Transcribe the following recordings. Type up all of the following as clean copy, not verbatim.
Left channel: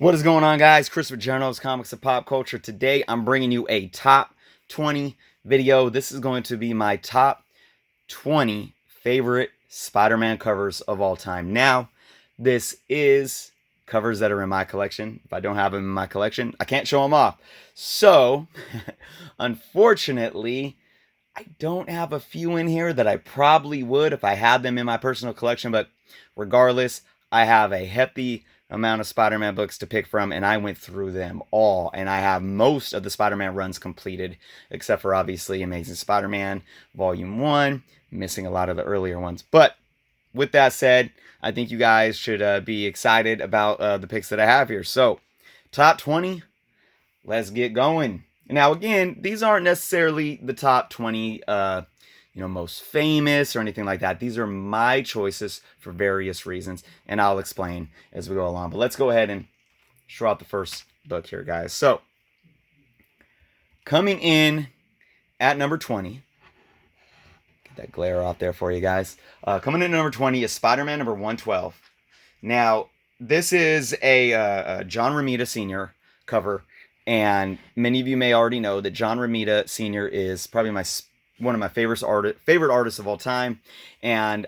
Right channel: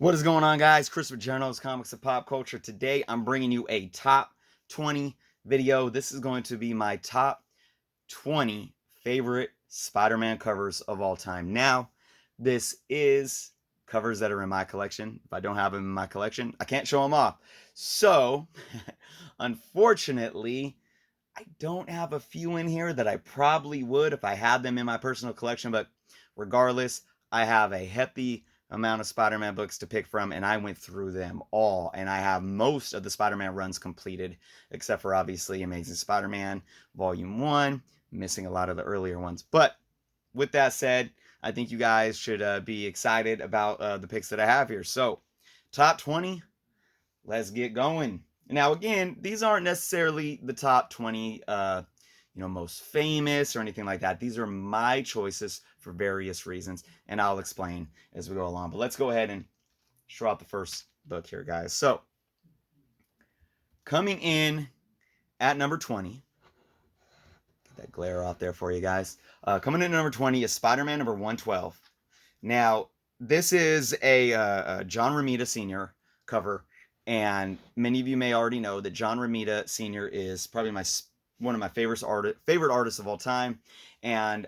What is going on, guys? Chris with Journals, Comics, and Pop Culture. Today, I'm bringing you a top 20 video. This is going to be my top 20 favorite Spider-Man covers of all time. Now, this is covers that are in my collection. If I don't have them in my collection, I can't show them off. So, unfortunately, I don't have a few in here that I probably would if I had them in my personal collection, but regardless, I have a hefty amount of Spider-Man books to pick from, and I went through them all, and I have most of the Spider-Man runs completed, except for obviously Amazing Spider-Man Volume 1, missing a lot of the earlier ones. But with that said, I think you guys should be excited about the picks that I have here. So, top 20, let's get going. Now, again, these aren't necessarily the top 20 most famous or anything like that. These are my choices for various reasons, and I'll explain as we go along. But let's go ahead and show out the first book here, guys. So, coming in at number 20, get that glare off there for you guys. Coming in at number 20 is Spider-Man number 112. Now, this is a John Romita Sr. cover, and many of you may already know that John Romita Sr. is probably one of my favorite artists of all time, and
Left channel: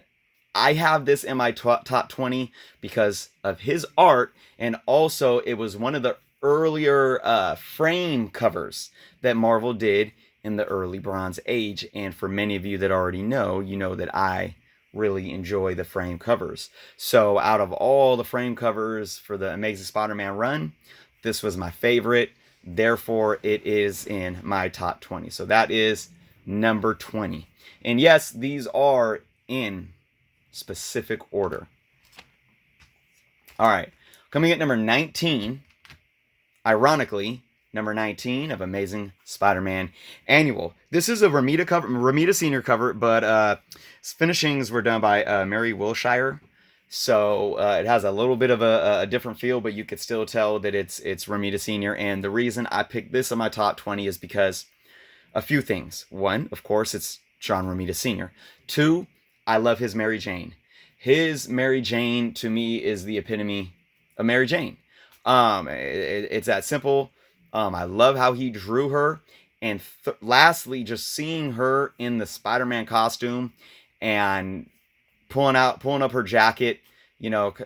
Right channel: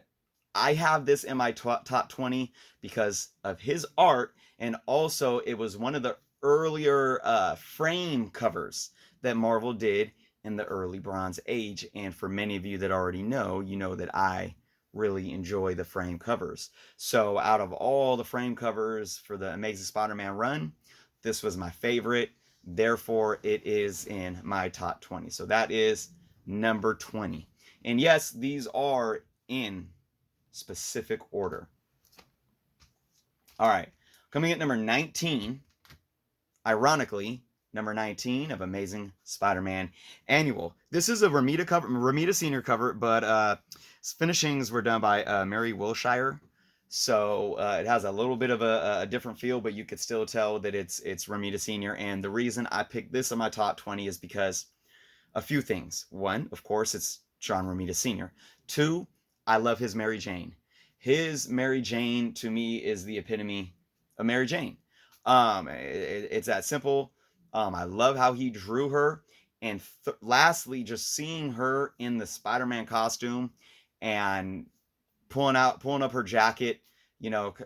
I have this in my top 20 because of his art, and also it was one of the earlier frame covers that Marvel did in the early Bronze Age. And for many of you that already know, you know that I really enjoy the frame covers. So out of all the frame covers for the Amazing Spider-Man run, this was my favorite. Therefore, it is in my top 20. So that is number 20. And yes, these are in specific order. All right. Coming at number 19, ironically, number 19 of Amazing Spider-Man Annual. This is a Romita Sr. cover, but finishings were done by Mary Wilshire. So it has a little bit of a different feel, but you could still tell that it's Romita Sr. And the reason I picked this on my top 20 is because a few things. One, of course, it's John Romita Sr. Two, I love his Mary Jane. His Mary Jane, to me, is the epitome of Mary Jane. It's that simple. I love how he drew her. And lastly, just seeing her in the Spider-Man costume and pulling up her jacket,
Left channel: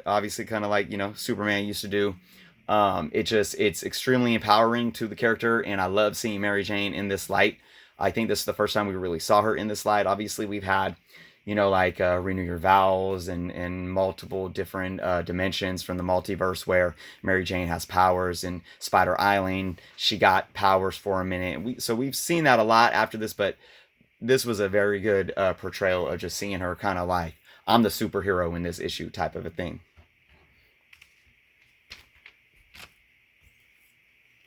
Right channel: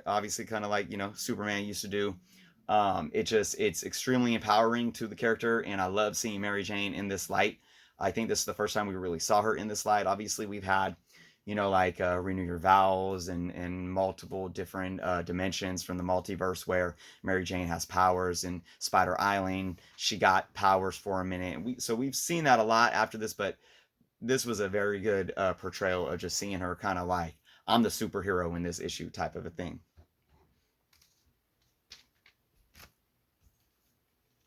obviously kind of like, Superman used to do. It's extremely empowering to the character, and I love seeing Mary Jane in this light. I think this is the first time we really saw her in this light. Obviously, we've had, Renew Your Vows and multiple different dimensions from the multiverse where Mary Jane has powers. In Spider Island, she got powers for a minute. So we've seen that a lot after this, but this was a very good portrayal of just seeing her kind of like, I'm the superhero in this issue type of a thing.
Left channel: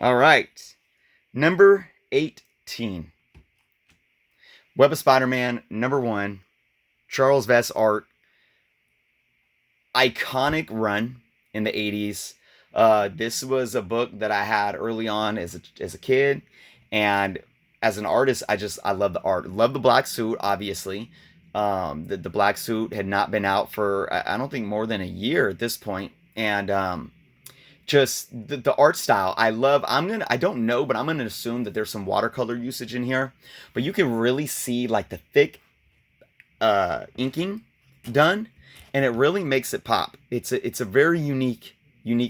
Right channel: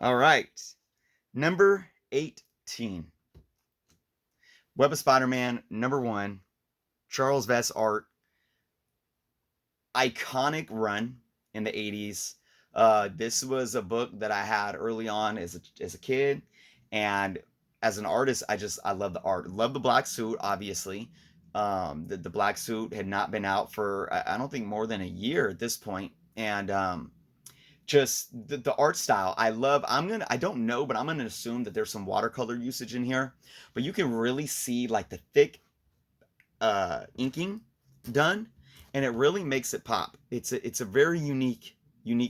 All right, number 18. Web of Spider-Man, number 1. Charles Vess art. Iconic run in the 80s. This was a book that I had early on as a kid. And as an artist, I love the art. Love the black suit, obviously. The black suit had not been out for, I don't think, more than a year at this point. And just the art style I love. I don't know, but I'm gonna assume that there's some watercolor usage in here, but you can really see like the thick inking done, and it really makes it pop. It's a very unique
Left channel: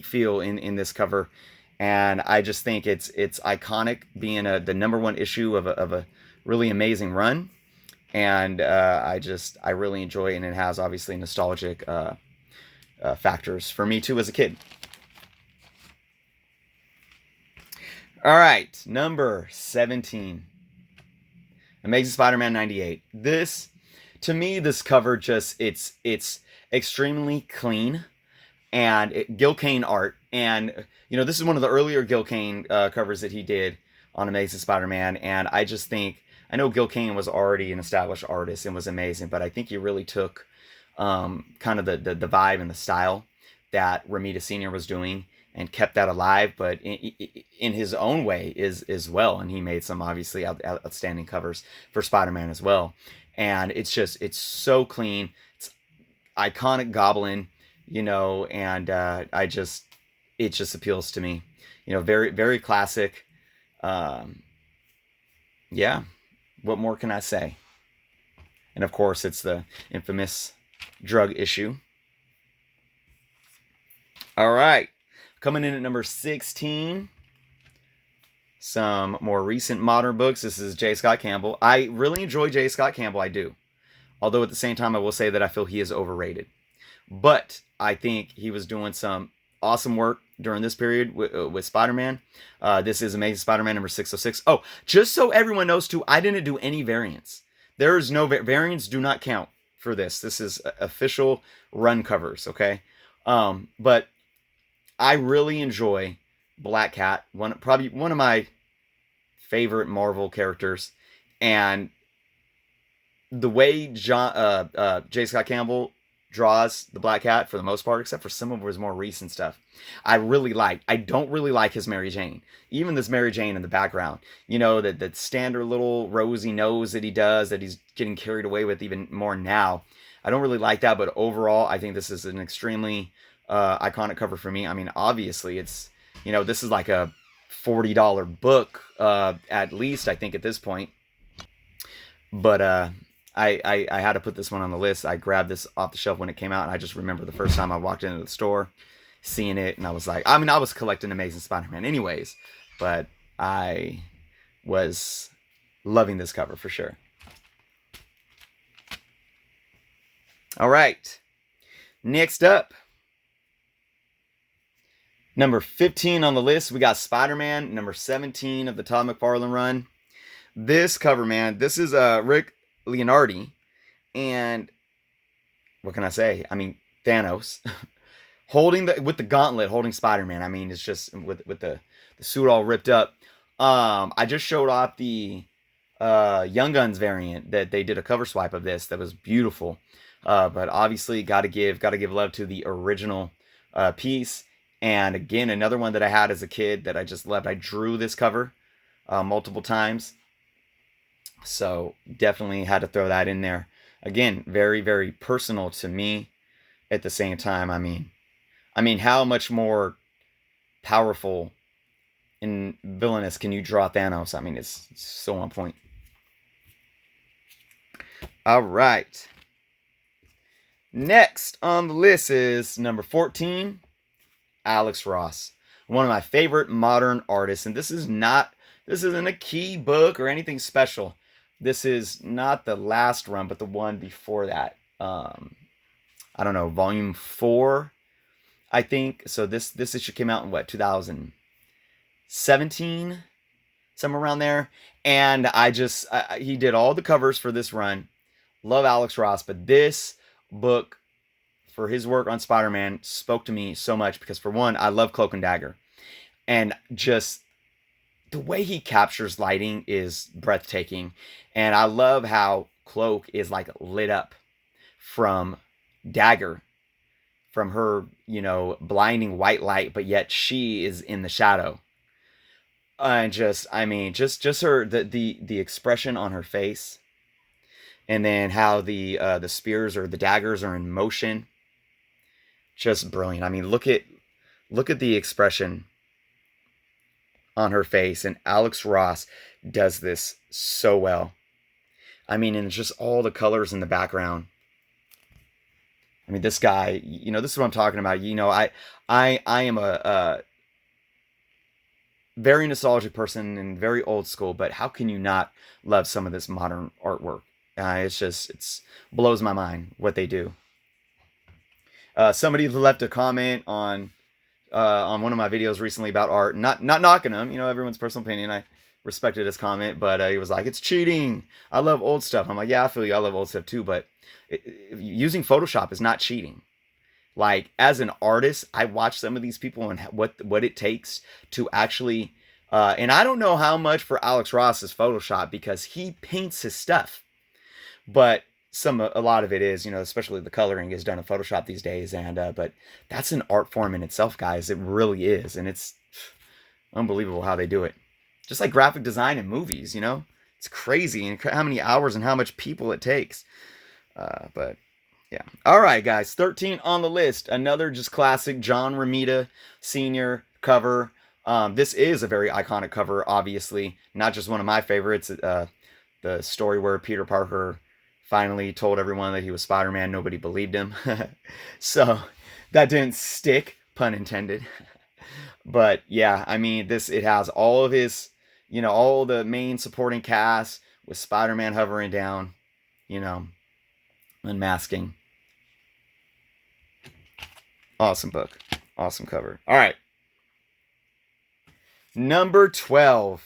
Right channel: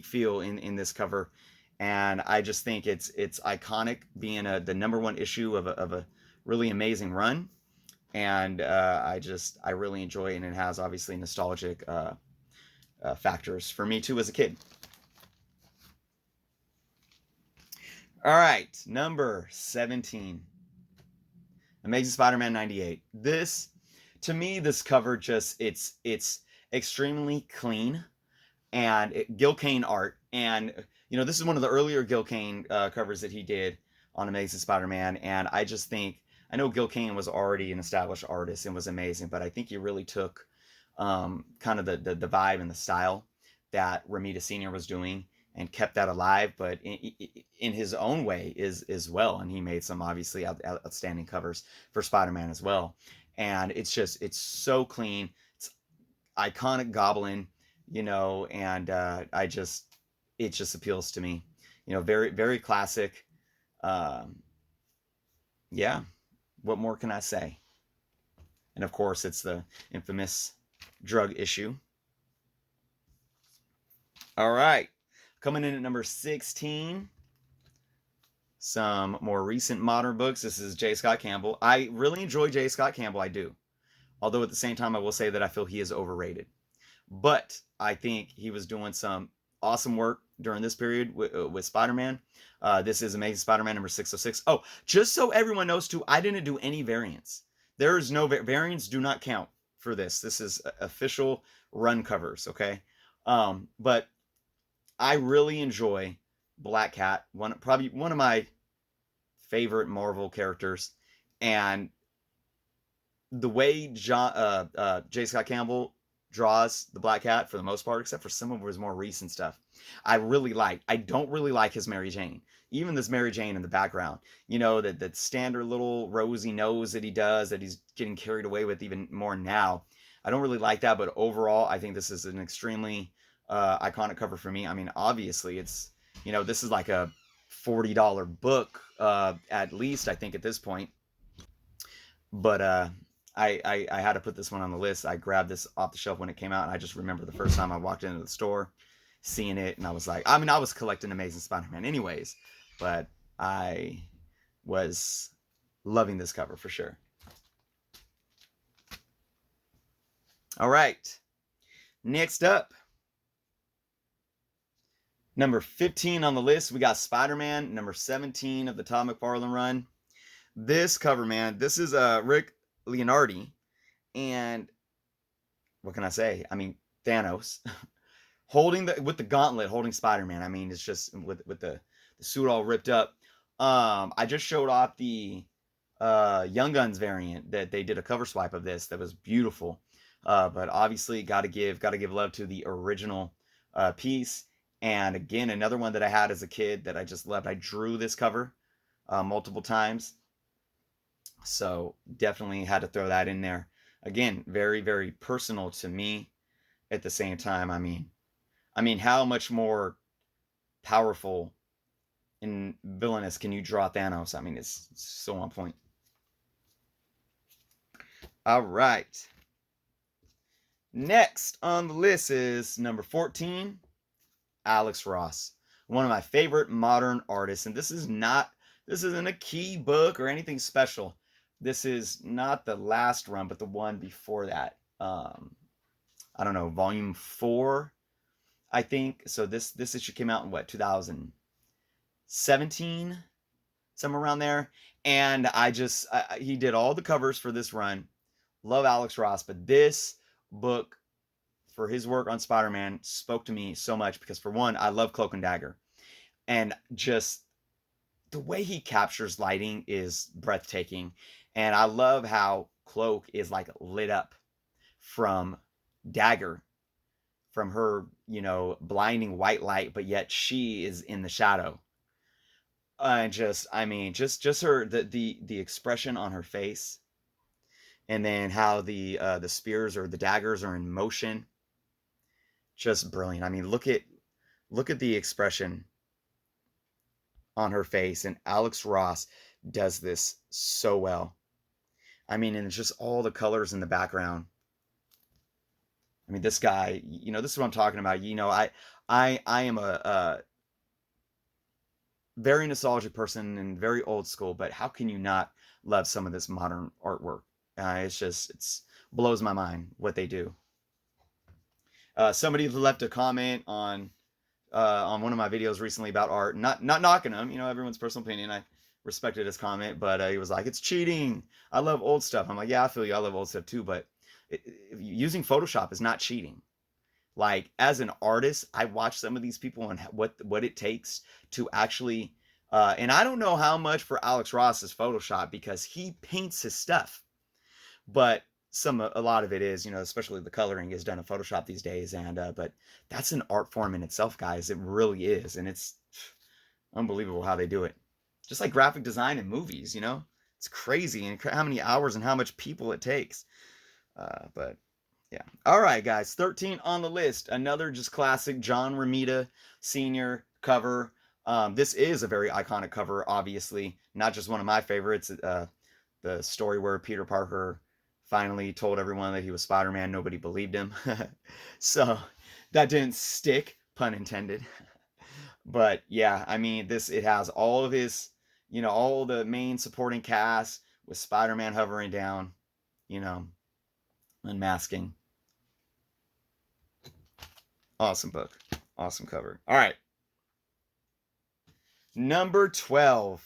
feel in this cover, and I just think it's iconic, being the number 1 issue of a really amazing run. And I really enjoy it, and it has obviously nostalgic factors for me too as a kid. All right, number 17. Amazing Spider-Man 98. To me, this cover it's extremely clean, and Gil Kane art. And, this is one of the earlier Gil Kane covers that he did on Amazing Spider-Man. And I just think, I know Gil Kane was already an established artist and was amazing, but I think he really took kind of the vibe and the style that Romita Sr. was doing and kept that alive, but in his own way as well. And he made some obviously outstanding covers for Spider-Man as well. And it's so clean. It's iconic Goblin, and it just appeals to me. You know, very, very classic. Um, yeah, what more can I say? And of course, it's the infamous drug issue. All right, coming in at number 16, some more recent modern books. This is J. Scott Campbell. I really enjoy J. Scott Campbell, I do. Although at the same time, I will say that I feel he is overrated. But I think he was doing some awesome work during this period with Spider-Man. This is Amazing Spider-Man number 606. Oh, just so everyone knows too, I didn't do any variants. There is no variants, do not count for this. This is official run covers, okay? But I really enjoy Black Cat, probably one of my favorite Marvel characters, and the way J. Scott Campbell draws the Black Cat for the most part, except for some of his more recent stuff, I really like. I don't really like his Mary Jane. Even this Mary Jane in the background, you know, that standard little rosy nose that he does, that he's getting carried away with even more now. I don't really like that, but overall, I think this is an extremely iconic cover for me. I mean, obviously, it's, you know, this is like a $40 book at least, I think, at this point. But I had to put this one on the list. I grabbed this off the shelf when it came out, and I just remember the first time I walked into the store, seeing it, and I was like, I mean, I was collecting Amazing Spider-Man anyways, but I was loving this cover for sure. All right, next up, number 15 on the list, we got Spider-Man, number 17 of the Todd McFarlane run. This cover, man, this is Rick Leonardi, and what can I say? I mean, Thanos holding with the gauntlet, holding Spider-Man. I mean, it's just with the suit all ripped up. I just showed off the Young Guns variant that they did a cover swipe of this that was beautiful. But obviously, gotta give love to the original piece. And again, another one that I had as a kid that I just loved. I drew this cover multiple times, so definitely had to throw that in there. Again, very, very personal to me. At the same time, I mean, how much more powerful and villainous can you draw Thanos? I mean, it's so on point. All right. Next on the list is number 14, Alex Ross, one of my favorite modern artists. And this isn't a key book or anything special. This is not the last run, but the one before that. I don't know, volume 4, I think. So this issue came out in what, 2017, somewhere around there. And he did all the covers for this run. Love Alex Ross, but this book, for his work on Spider-Man, spoke to me so much because, for one, I love Cloak and Dagger, and just the way he captures lighting is breathtaking. And I love how Cloak is like lit up from Dagger, from her, you know, blinding white light, but yet she is in the shadow. And just her, the expression on her face, and then how the spears or the daggers are in motion, just brilliant. I mean, look at the expression on her face, and Alex Ross does this so well. I mean, and it's just all the colors in the background. I mean, this guy, you know, this is what I'm talking about. You know, I am a very nostalgic person and very old school, but how can you not love some of this modern artwork? It's blows my mind what they do. Somebody left a comment on one of my videos recently about art, not knocking them, you know, everyone's personal opinion. I respected his comment, but he was like, "It's cheating. I love old stuff." I'm like, "Yeah, I feel you. I love old stuff too, but using Photoshop is not cheating." Like, as an artist, I watch some of these people and what it takes to actually, and I don't know how much for Alex Ross is Photoshop, because he paints his stuff, but a lot of it is, you know, especially the coloring is done in Photoshop these days, and but that's an art form in itself, guys. It really is, and it's unbelievable how they do it. Just like graphic design in movies, you know, it's crazy, and how many hours and how much people it takes. But Yeah. All right, guys. 13 on the list. Another just classic John Romita Sr. cover. This is a very iconic cover, obviously. Not just one of my favorites. The story where Peter Parker finally told everyone that he was Spider-Man. Nobody believed him. So that didn't stick, pun intended. But yeah, I mean, it has all of his, all the main supporting cast with Spider-Man hovering down, you know, unmasking. Awesome book. Awesome cover. All right. Number 12.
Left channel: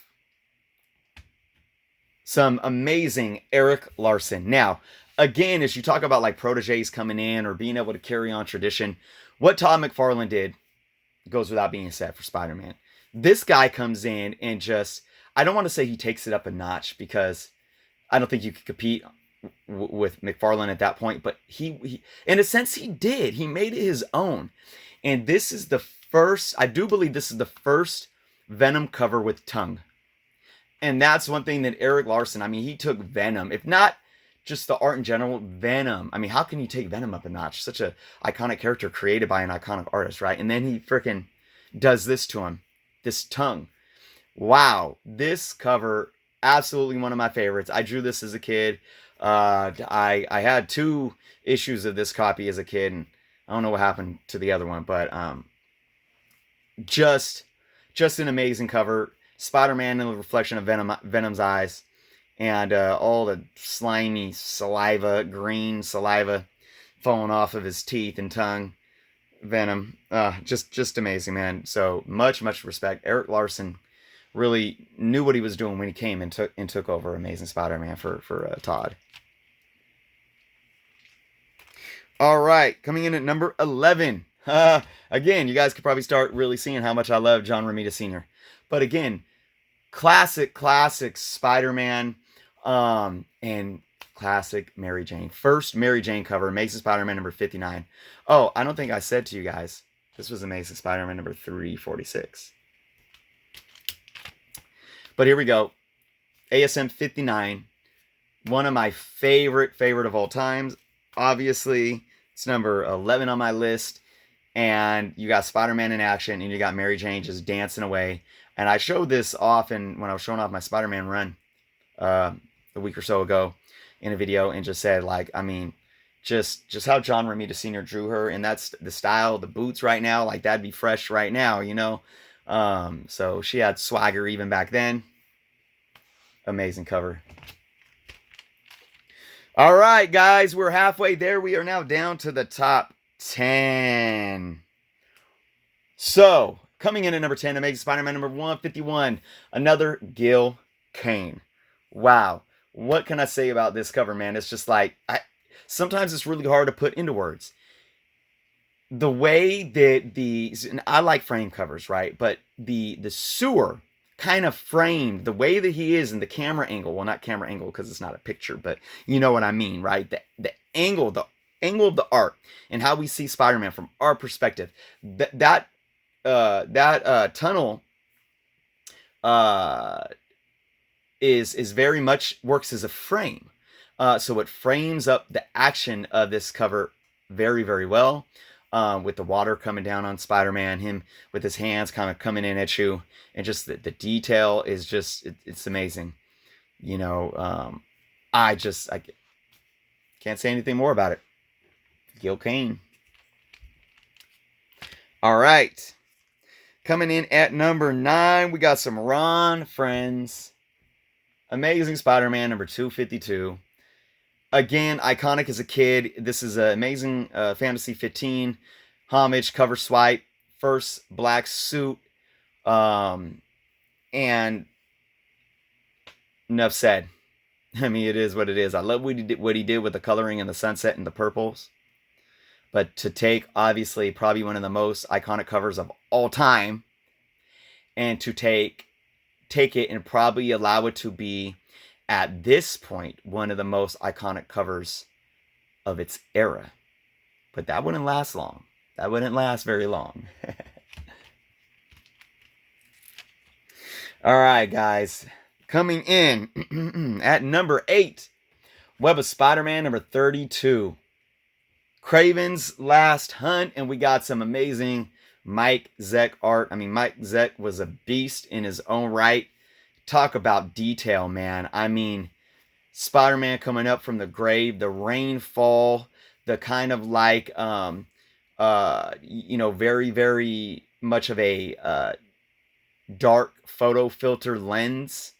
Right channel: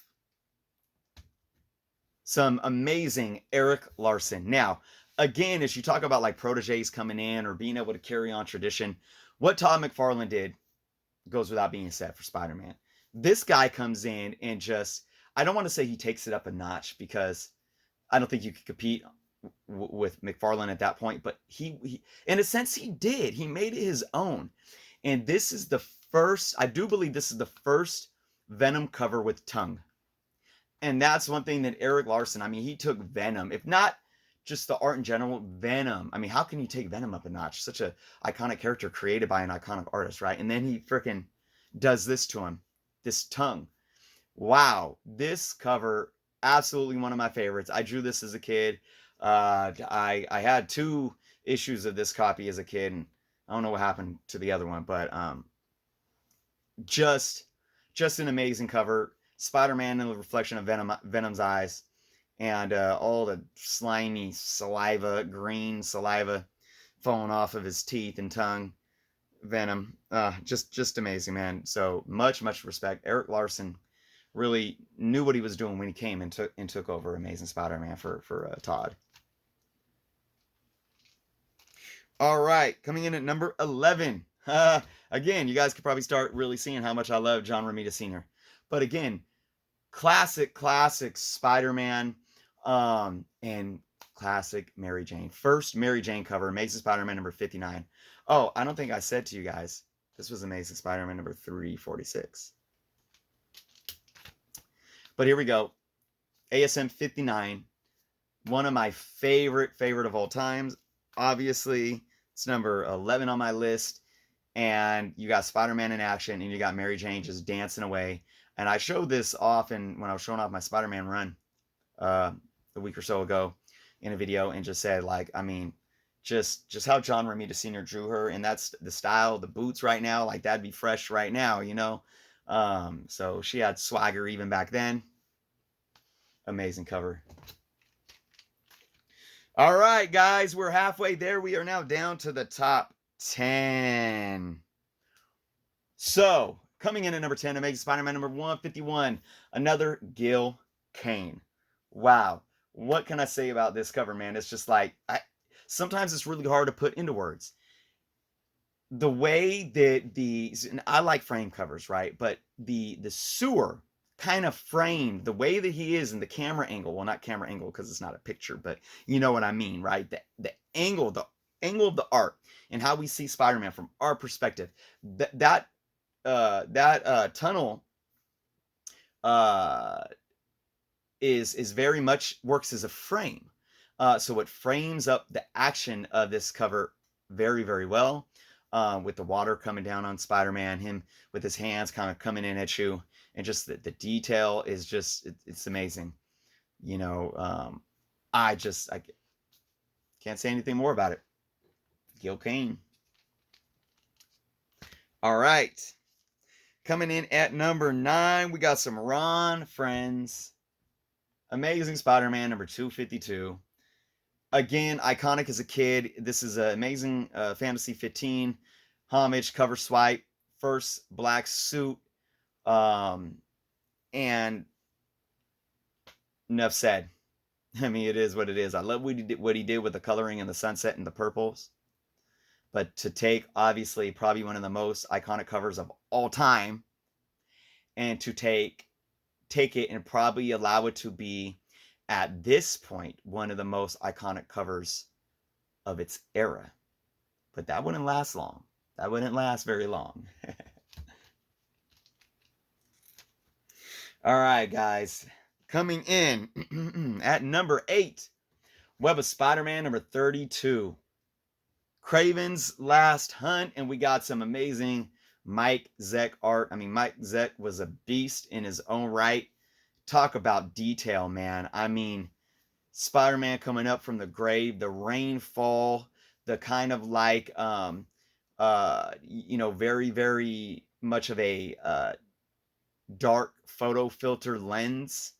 Some amazing Eric Larson. Now, again, as you talk about like proteges coming in or being able to carry on tradition, what Todd McFarlane did goes without being said for Spider-Man. This guy comes in and just, I don't want to say he takes it up a notch because I don't think you could compete with McFarlane at that point, but he in a sense he did. He made it his own. And this is the first, I do believe this is the first Venom cover with tongue. And that's one thing that Eric Larson, I mean, he took Venom, if not just the art in general, Venom. I mean, how can you take Venom up a notch? Such a iconic character created by an iconic artist, right? And then he freaking does this to him, this tongue. Wow, this cover, absolutely one of my favorites. I drew this as a kid. I had 2 issues of this copy as a kid, and I don't know what happened to the other one, but just an amazing cover. Spider-Man in the reflection of Venom's eyes, and all the slimy saliva, green saliva falling off of his teeth and tongue. Venom, just amazing, man. So much respect. Eric Larson really knew what he was doing when he came and took over Amazing Spider-Man for Todd. All right, coming in at number 11. Again, you guys could probably start really seeing how much I love John Romita Sr. But again, classic Spider-Man, and classic Mary Jane. First Mary Jane cover, Amazing Spider-Man number 59. Oh, I don't think I said to you guys, this was Amazing Spider-Man number 346. But here we go. ASM 59. One of my favorite of all times. Obviously, it's number 11 on my list. And you got Spider-Man in action, and you got Mary Jane just dancing away. And I showed this often when I was showing off my Spider-Man run a week or so ago in a video, and just said, like, I mean, just how John Romita Sr. drew her, and that's the style, the boots right now, like that'd be fresh right now, you know? So she had swagger even back then. Amazing cover. All right, guys, we're halfway there. We are now down to the top 10. So, coming in at number 10, Amazing Spider-Man number 151, another Gil Kane. Wow. What can I say about this cover, man? It's just like, sometimes it's really hard to put into words. The way that and I like frame covers, right? But the sewer kind of framed, the way that he is in the camera angle, well, not camera angle because it's not a picture, but you know what I mean, right? The angle of the art and how we see Spider-Man from our perspective. That tunnel is very much works as a frame. So it frames up the action of this cover very well, with the water coming down on Spider-Man, him with his hands kind of coming in at you, and just the detail is just, it's amazing. You know, I can't say anything more about it. Gil Kane. All right. Coming in at number 9, we got some Ron Friends. Amazing Spider-Man number 252. Again, iconic as a kid. This is an Amazing Fantasy 15 homage cover swipe. First black suit. And enough said. I mean, it is what it is. I love what he did with the coloring and the sunset and the purples. But to take, obviously, probably one of the most iconic covers of all time, and to take it and probably allow it to be, at this point, one of the most iconic covers of its era. But that wouldn't last long. That wouldn't last very long. All right, guys. Coming in at number 8, Web of Spider-Man number 32. Craven's Last Hunt, and we got some amazing Mike Zeck art. I mean, Mike Zeck was a beast in his own right. Talk about detail, man. I mean, Spider-Man coming up from the grave, the rainfall, the kind of like very, very much of a dark photo filter lens.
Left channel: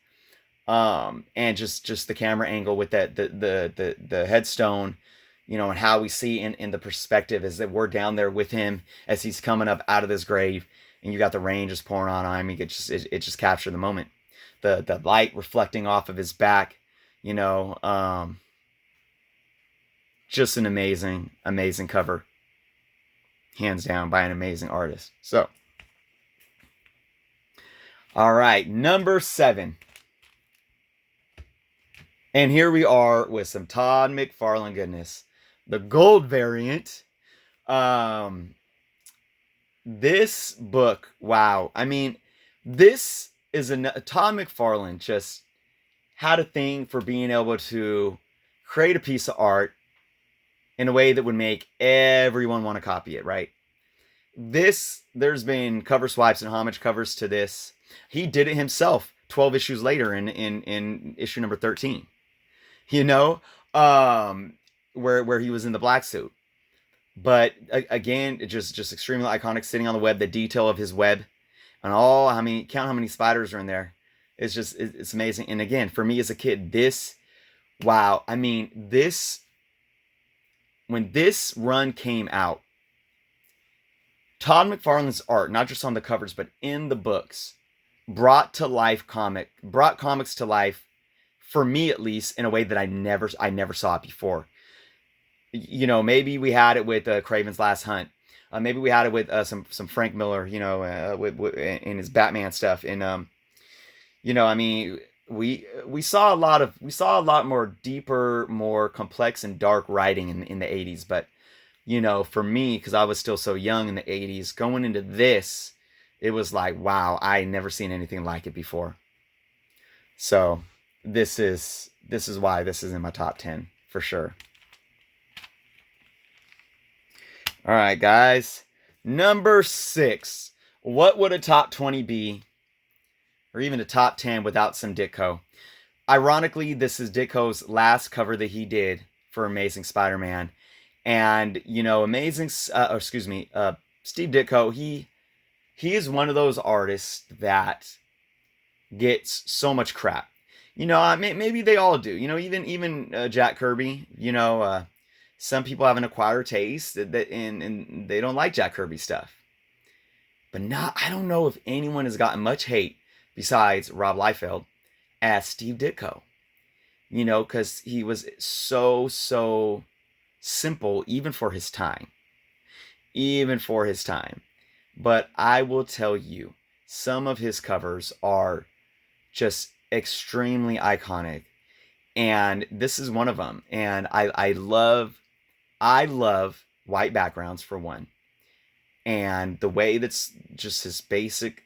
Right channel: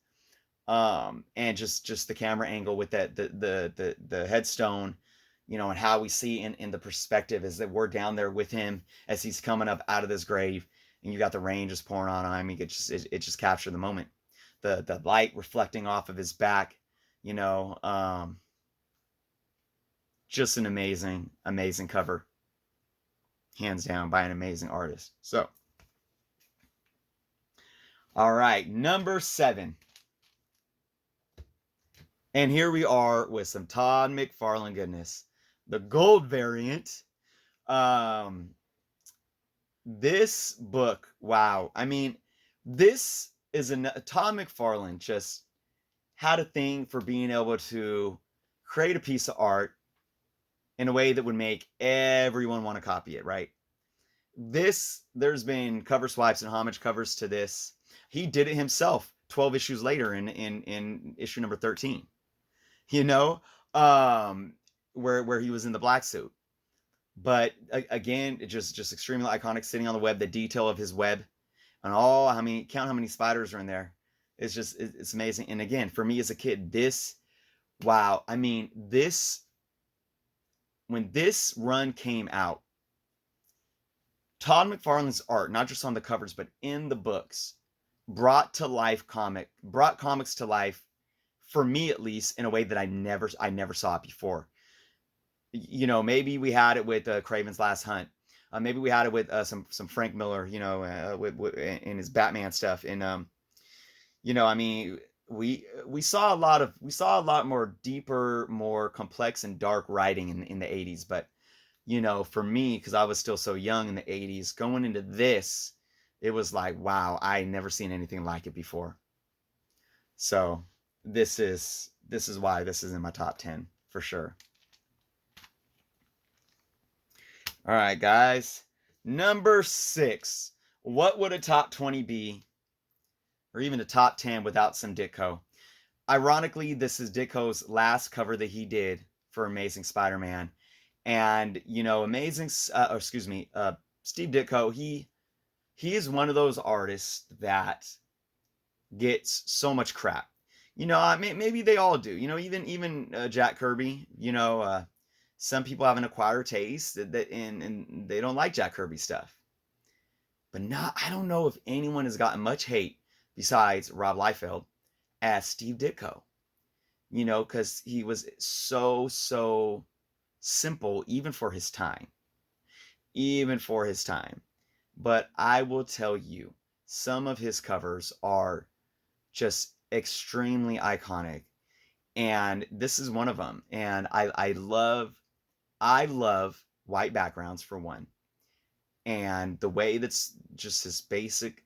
And just the camera angle with that the headstone, and how we see in the perspective is that we're down there with him as he's coming up out of this grave, and you got the rain just pouring on him. It just captured the moment, the light reflecting off of his back, just an amazing cover, hands down, by an amazing artist. So, all right, number 7. And here we are with some Todd McFarlane goodness. The gold variant. This book, wow. I mean, this is Todd McFarlane just had a thing for being able to create a piece of art in a way that would make everyone want to copy it, right? There's been cover swipes and homage covers to this. He did it himself 12 issues later in issue number 13. Where he was in the black suit. But again, just extremely iconic, sitting on the web, the detail of his web, and count how many spiders are in there. It's amazing. And again, for me as a kid, wow. I mean, when this run came out, Todd McFarlane's art, not just on the covers, but in the books, brought comics to life, for me at least, in a way that I never saw it before. Maybe we had it with Craven's Last Hunt. Maybe we had it with some Frank Miller, in his Batman stuff. And we saw a lot more deeper, more complex and dark writing in the 80s. But for me, because I was still so young in the 80s, going into this, it was like, wow, I never seen anything like it before. So this is why this is in my top 10 for sure. All right, guys. Number 6. What would a top 20 be, or even a top 10 without some Ditko? Ironically, this is Ditko's last cover that he did for Amazing Spider-Man. And, Steve Ditko, he is one of those artists that gets so much crap. Maybe they all do. Even Jack Kirby, some people have an acquired taste and they don't like Jack Kirby stuff. But I don't know if anyone has gotten much hate besides Rob Liefeld as Steve Ditko. Because he was so simple, even for his time. But I will tell you, some of his covers are just extremely iconic, and this is one of them. And I love white backgrounds, for one, and the way that's just his basic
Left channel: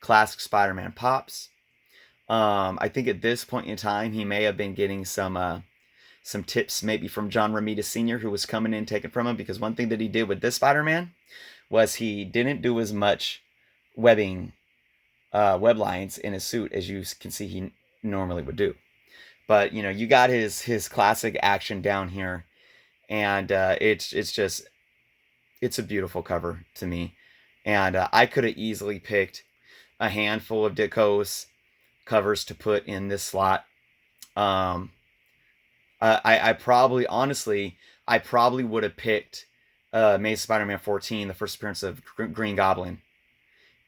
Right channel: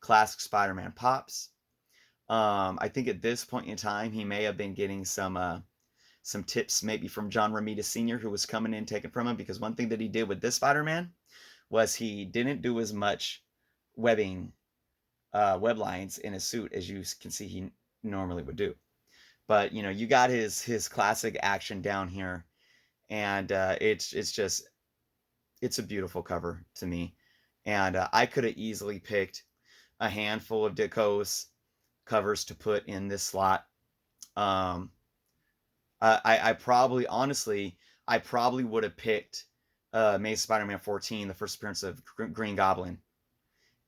classic Spider-Man pops. I think at this point in time he may have been getting some tips maybe from John Romita Sr., who was coming in taken from him, because one thing that he did with this Spider-Man was he didn't do as much web lines in his suit as you can see he normally would do. But you got his classic action down here, and it's a beautiful cover to me. And I could have easily picked a handful of Ditko's covers to put in this slot. I probably would have picked Amazing Spider-Man 14, the first appearance of Green Goblin,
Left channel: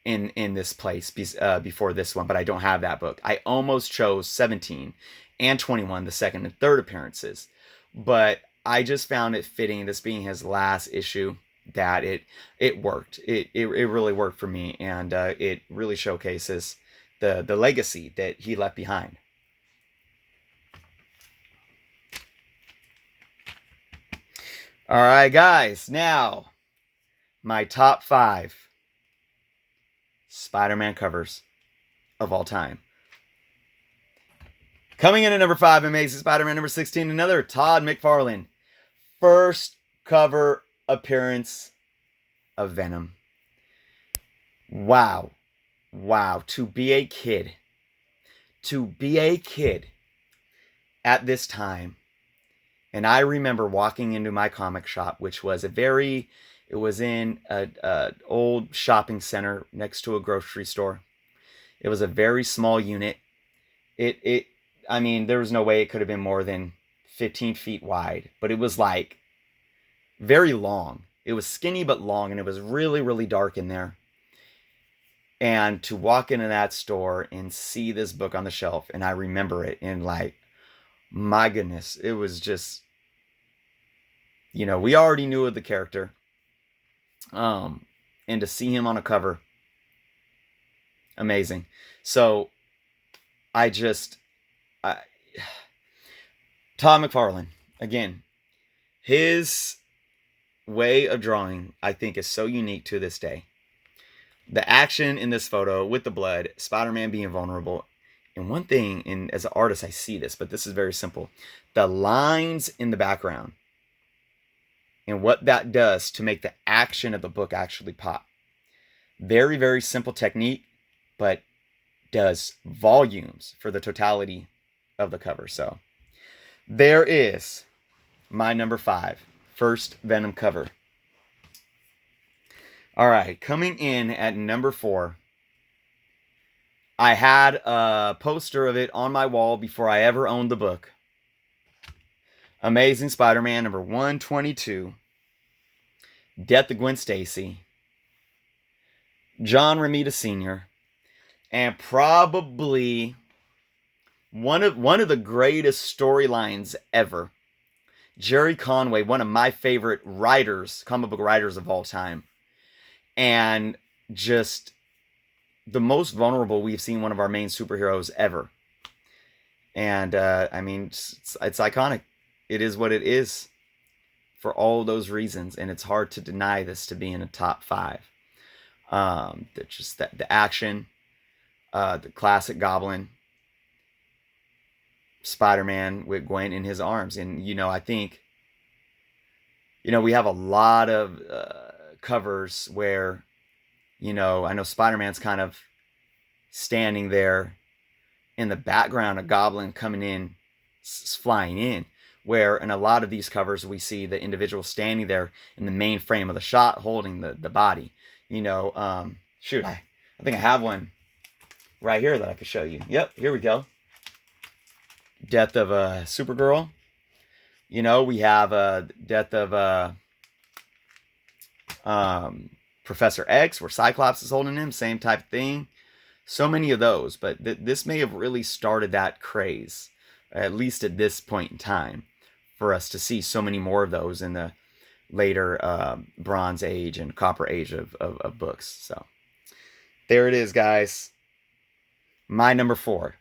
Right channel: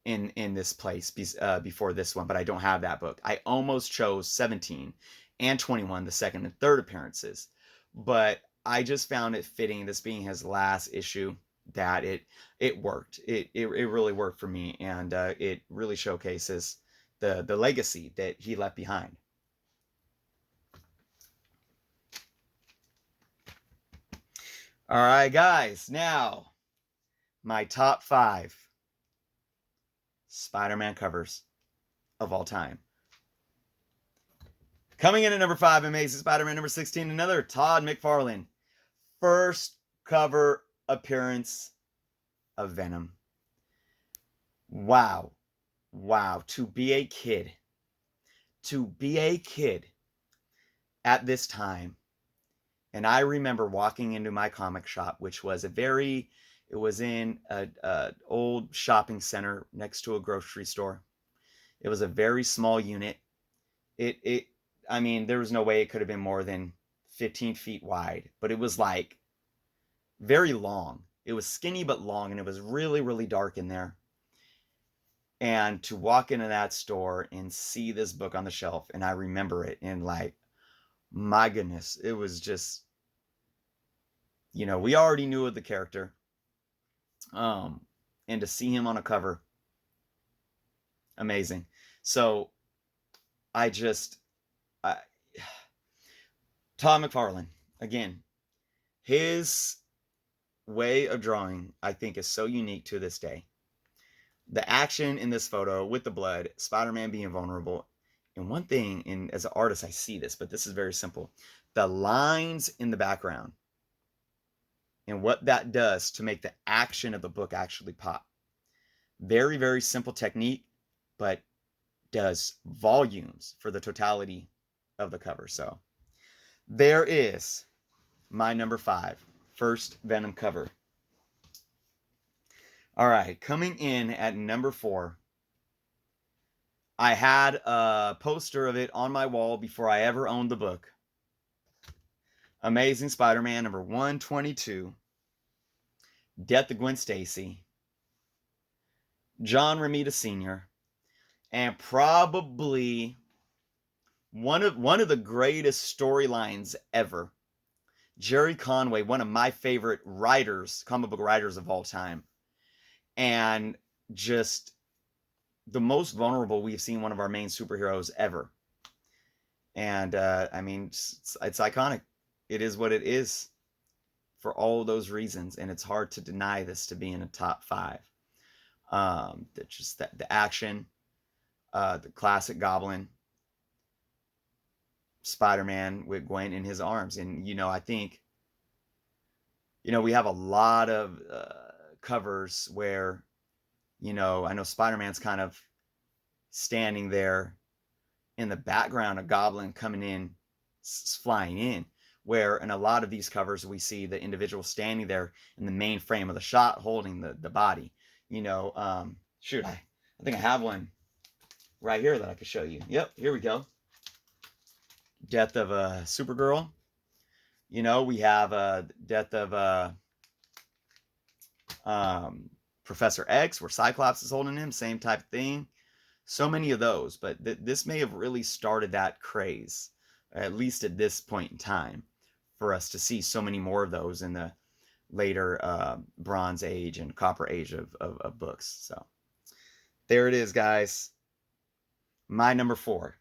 in this place before this one, but I don't have that book. I almost chose 17 and 21, the second and third appearances, but I just found it fitting, this being his last issue, that it worked. It really worked for me, and it really showcases the legacy that he left behind. All right, guys, now my top 5 Spider-Man covers of all time. Coming in at number 5, Amazing Spider-Man number 16, another Todd McFarlane. First cover appearance of Venom. Wow. Wow. To be a kid at this time. And I remember walking into my comic shop, which was it was in a old shopping center next to a grocery store. It was a very small unit. I mean, there was no way it could have been more than 15 feet wide, but it was like very long. It was skinny but long, and it was really, really dark in there. And to walk into that store and see this book on the shelf, and I remember it, and like, my goodness, it was just, we already knew of the character. And to see him on a cover, amazing. So Todd McFarlane, again, his way of drawing, I think, is so unique to this day. The action in this photo with the blood, Spider-Man being vulnerable. And one thing, and as an artist, I see this, but this is very simple. The lines in the background and what that does to make the action of the book actually pop. Very, very simple technique, but does volumes for the totality of the cover. So there is my number 5, first Venom cover. All right, coming in at number 4, I had a poster of it on my wall before I ever owned the book. Amazing Spider-Man number 122, Death of Gwen Stacy, John Romita Sr., and probably one of the greatest storylines ever. Jerry Conway, one of my favorite writers, comic book writers of all time. And just the most vulnerable we've seen one of our main superheroes ever. And, I mean, it's iconic. It is what it is for all those reasons. And it's hard to deny this to be in a top 5. The action, the classic Goblin, Spider-Man with Gwen in his arms. And, I think, we have a lot of covers where, I know Spider-Man's kind of standing there in the background, a Goblin coming in, flying in, where in a lot of these covers we see the individual standing there in the main frame of the shot holding the body. Shoot, I think I have one right here that I could show you. Yep, here we go. Death of Supergirl. We have Death of Professor X, where Cyclops is holding him, same type of thing. So many of those, but this may have really started that craze, at least at this point in time, for us to see so many more of those in the later Bronze Age and Copper Age of books. So there it is, guys. My number 4.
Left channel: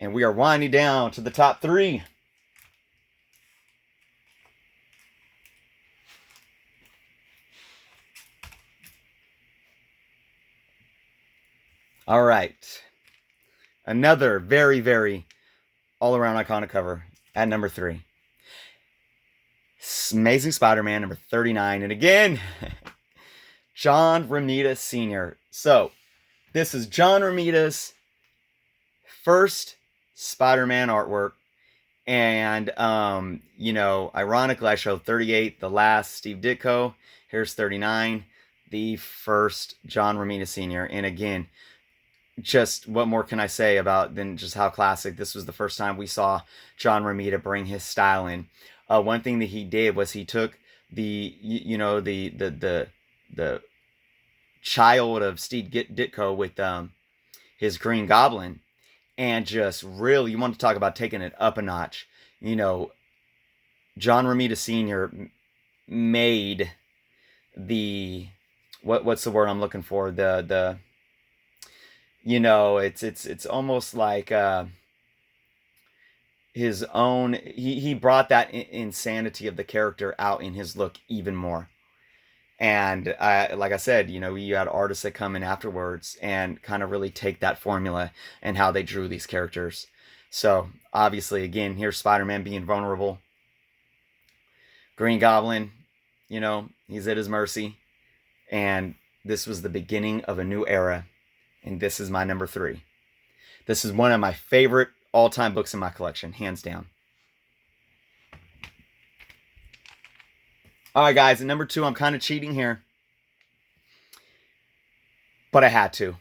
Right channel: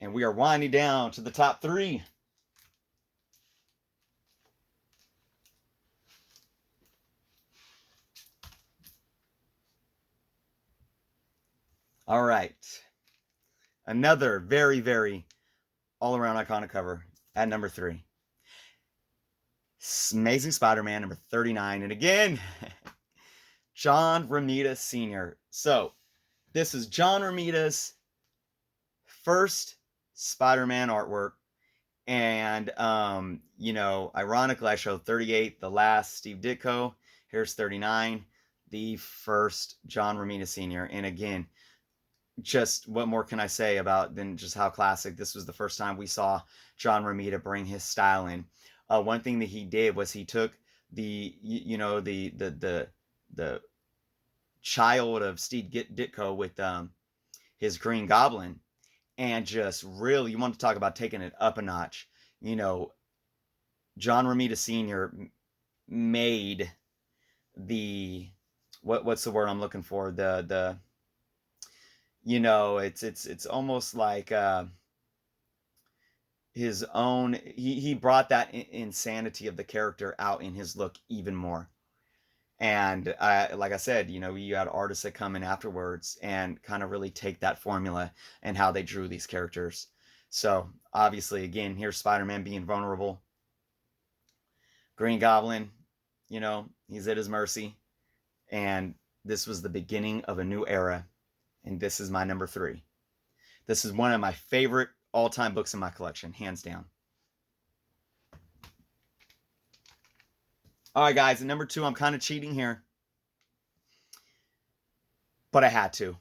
And we are winding down to the top 3. All right. Another very, very all-around iconic cover at number 3. Amazing Spider-Man number 39. And again, John Romita Sr. So, this is John Romita's first Spider-Man artwork. And, ironically, I showed 38, the last Steve Ditko. Here's 39, the first John Romita Sr. And again, just what more can I say about than just how classic this was? The first time we saw John Romita bring his style in. One thing that he did was he took the child of Steve Ditko with his Green Goblin, and just really, you want to talk about taking it up a notch. John Romita Sr. made the what's the word I'm looking for? It's almost like his own. He brought that insanity of the character out in his look even more. And like I said, you had artists that come in afterwards and kind of really take that formula and how they drew these characters. So obviously, again, here's Spider-Man being vulnerable. Green Goblin, he's at his mercy. And this was the beginning of a new era. And this is my number 3. This is one of my favorite all-time books in my collection, hands down. All right, guys, at number 2, I'm kind of cheating here. But I had to.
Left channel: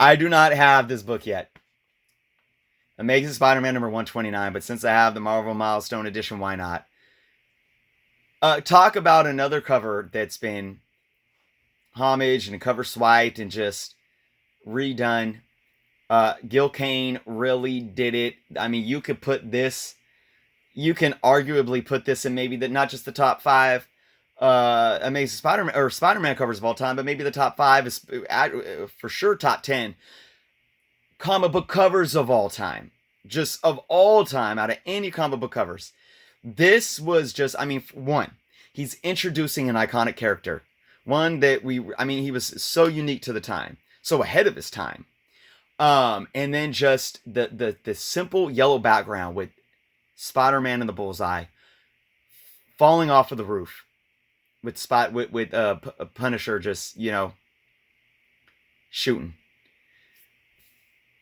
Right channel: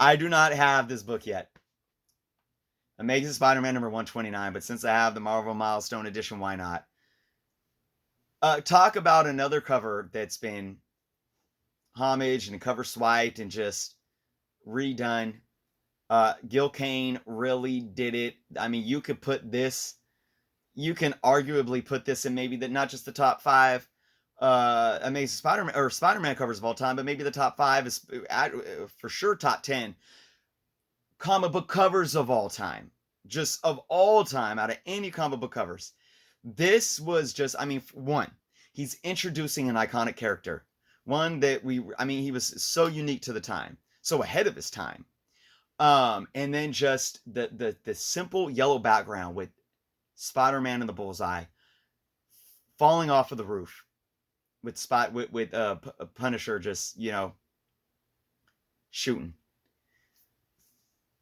I do not have this book yet. Amazing Spider-Man number 129, but since I have the Marvel Milestone Edition, why not? Talk about another cover that's been homaged and cover swiped and just redone. Gil Kane really did it. I mean, you can arguably put this in maybe not just the top 5 Amazing Spider-Man or Spider-Man covers of all time, but maybe the top 5 is for sure top 10 comic book covers of all time. Just of all time, out of any comic book covers. This was just, one, he's introducing an iconic character. One that he was so unique to the time, so ahead of his time. And then just the simple yellow background with Spider-Man and the bullseye falling off of the roof with Punisher just, shooting.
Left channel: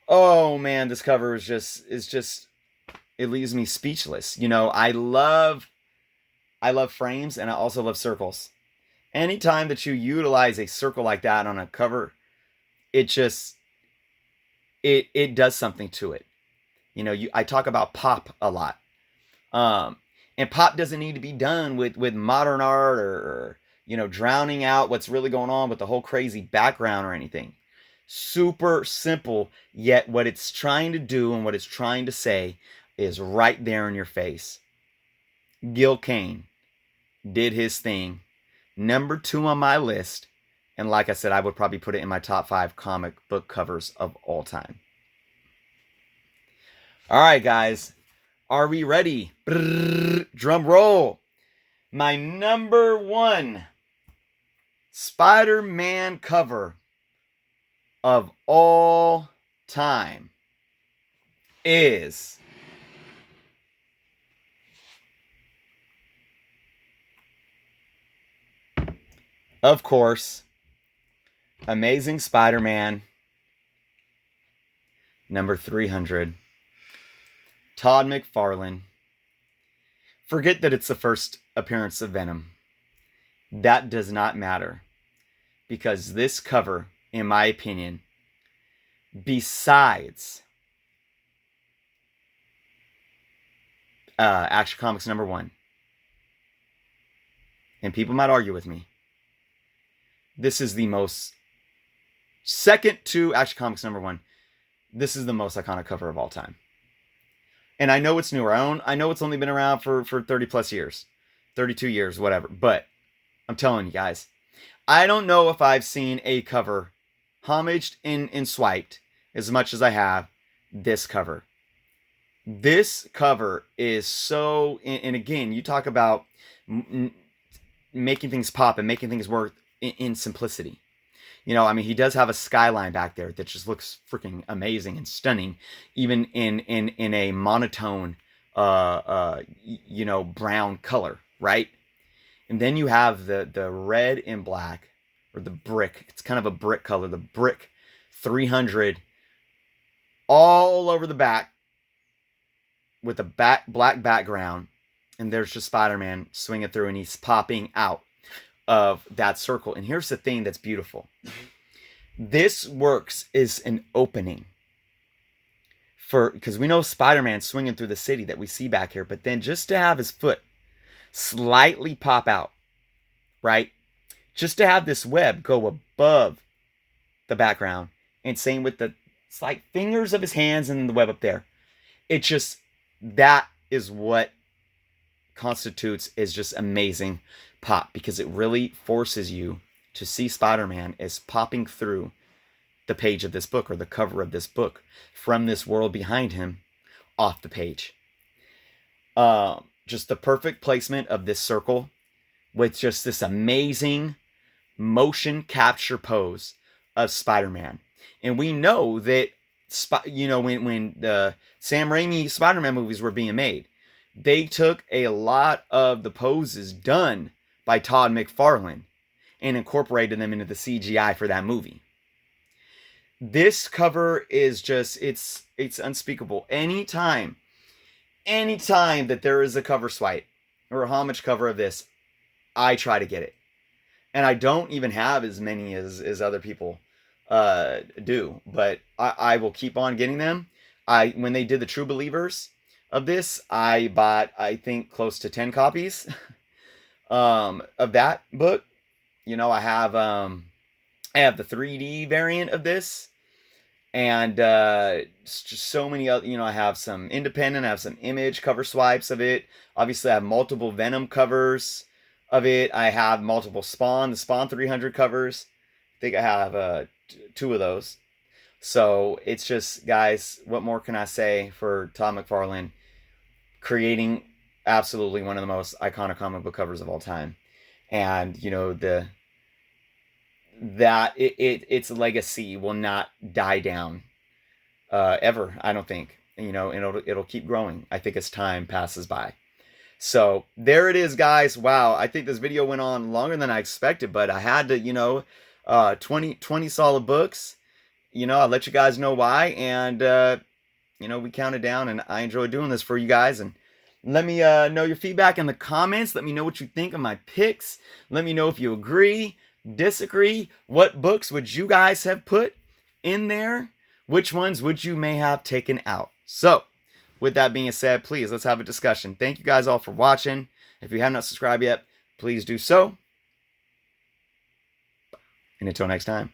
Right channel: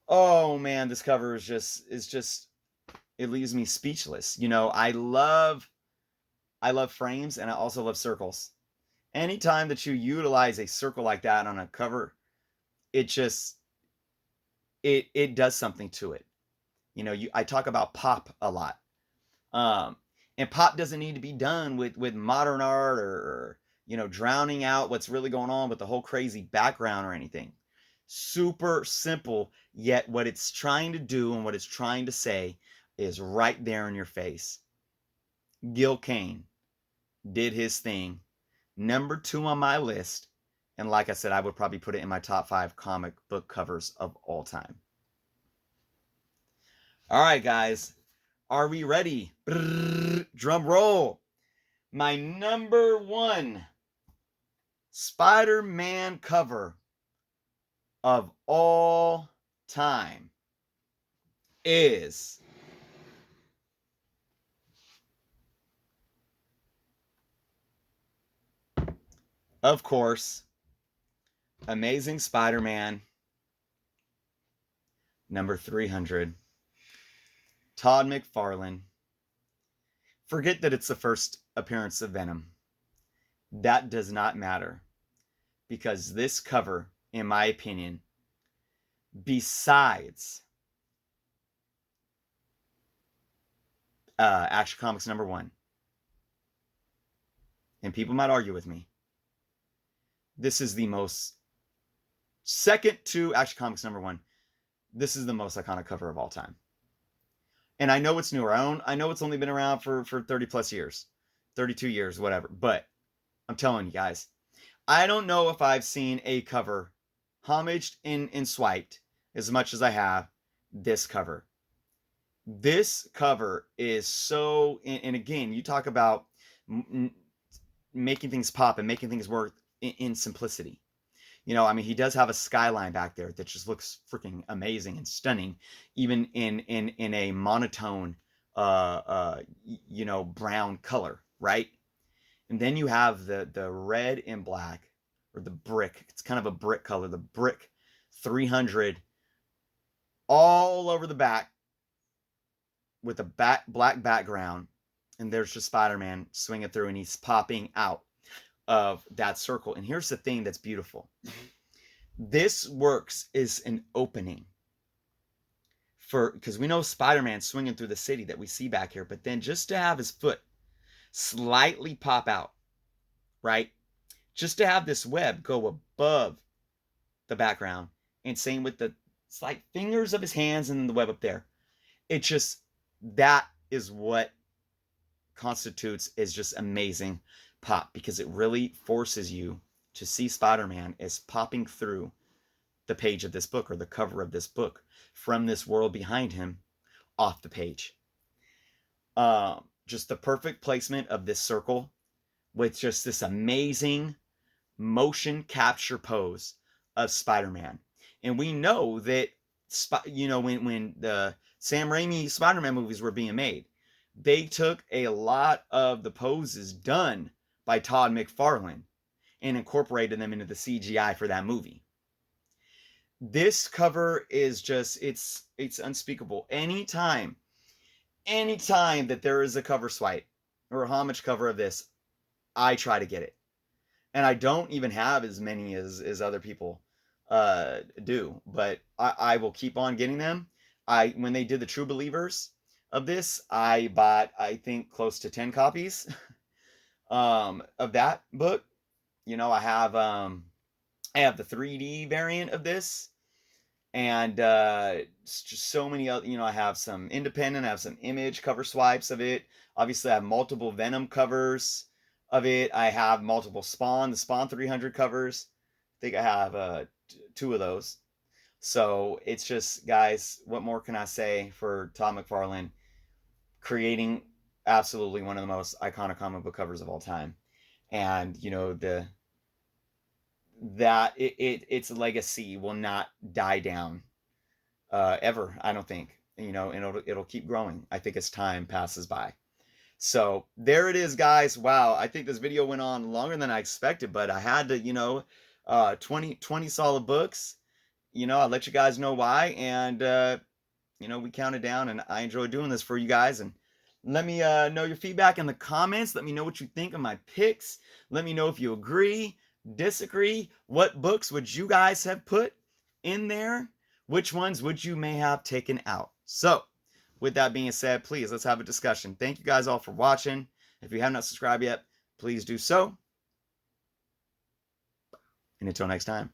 Oh man, this cover is just it leaves me speechless. I love frames, and I also love circles. Anytime that you utilize a circle like that on a cover, it just it does something to it. I talk about pop a lot. And pop doesn't need to be done with modern art or drowning out what's really going on with the whole crazy background or anything. Super simple, yet what it's trying to do and what it's trying to say is right there in your face. Gil Kane did his thing. Number 2 on my list. And like I said, I would probably put it in my top 5 comic book covers of all time. All right, guys. Are we ready? Brrr, drum roll. My number 1 Spider-Man cover of all time is of course Amazing Spider-Man number 300. Todd McFarlane. Forget that it's the first appearance of Venom. That does not matter. Because this cover, in my opinion, besides Action Comics number 1, and people might argue with me, this is the most, second to Action Comics number 1, this is the most iconic cover of all time. And I know it's newer. I know it's only been around for 30 plus years. 32 years, whatever. But I'm telling you guys, I don't know if I've seen a cover homaged and swiped as much as I have this cover. This cover is so, and again, you talk about making things pop and making things work in simplicity. He does have a skyline back there that just looks freaking amazing and stunning, even in a monotone, brown color, right? And then you have the red and black, or the brick. It's kind of a brick color. The brick 300 all over the back with a black background. And there's just Spider-Man swinging through, and he's popping out of that circle. And here's the thing that's beautiful. This works as an opening because we know Spider-Man swinging through the city that we see back here, but then just to have his foot slightly pop out, right? Just to have this web go above the background, and same with the slight fingers of his hands and the web up there. That is what constitutes is just amazing pop, because it really forces you to see Spider-Man as popping through the page of this book, or the cover of this book, from this world behind him off the page. Just the perfect placement of this circle with just this amazing motion capture pose of Spider-Man. And we know that, when the Sam Raimi Spider-Man movies were being made, they took a lot of the poses done by Todd McFarlane and incorporated them into the CGI for that movie. This cover is just, it's unspeakable. Anytime that there is a cover swipe or a homage cover of this, I try to get it. And I don't even have as many as other people do, but I will keep on getting them. When they did the True Believers of this, I bought, I think, close to 10 copies of that book. You know, I have the 3D variant of this, and just so many other, you know, I have some independent, I have some image cover swipes of it. Obviously, I have multiple Venom covers of it. I have multiple Spawn, the Spawn 300 covers. I think I have 2 of those. So it's just, guys, what more can I say for Todd McFarlane creating absolutely one of the most iconic comic book covers of all time. And, you know, its legacy will not die down ever, I don't think. You know, and it'll keep growing, I think, as time passes by. So there it is, guys. Wow, I think this video went on longer than I expected, but I had to, you know, 20 solid books. You know, I'll let you guys know why. And, you know, we counted down, and I enjoy doing this for you guys. And let me know your feedback in the comments. Let me know what you think of my picks. Let me know if you agree, disagree. What books would you guys have put in there? Which ones would you may have taken out? So, with that being said, please, let's have a discussion. Thank you guys all for watching. If you have not subscribed yet, please do so. And until next time.